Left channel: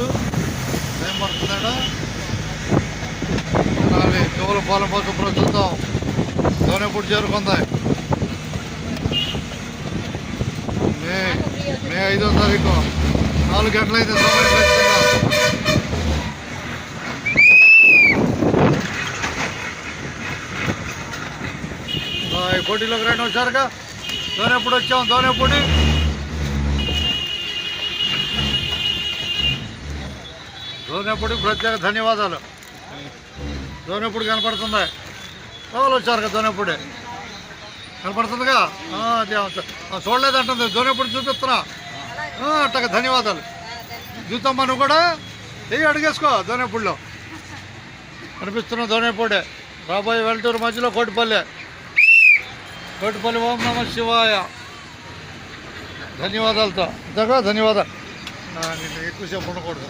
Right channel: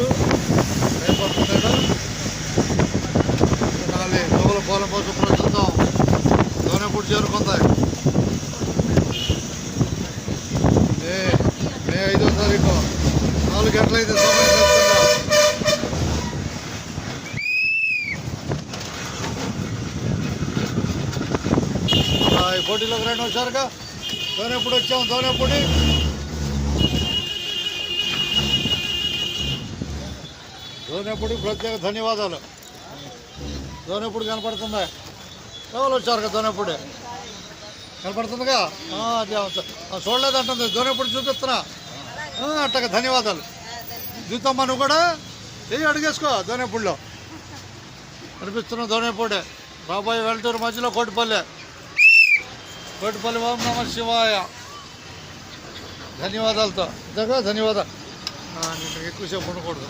ఇప్పుడు టైం పడుతుందా నాలి ఎవరు పాలన పసుపులో చూద్దాం దోనెప్పుడు చేరుకుంది మే 5వ తారీఖు 4 గంటలైతే సమయం ఖచ్చితంగా ఈ పోటీలోకి రండి వచ్చారుగా దోనెప్పుడు వచ్చాం దోనెప్పుడు ప్రత్యేక ధన్యవాదాలు దోనెప్పుడు కనపడుతుంది ఎవరు వచ్చారు కదా దోనెప్పుడే కనపడుతుందిగా అది చూడలేదంటుంది దోనెప్పుడు చూపిస్తున్నా అట్టగా ధన్యవాదాలు చూద్దామా నువ్వు కూడా అడిగేసుకో దోనెప్పుడులో కనిపిస్తున్నా దోనెప్పుడే రాబోయే వెల్టూరు మధ్యలో కోటిపల్లి ఓం నమ శివాయ ధన్యవాదాలతో ధన్యవాదాలు ఎక్కువసేపు ఉండకూడదు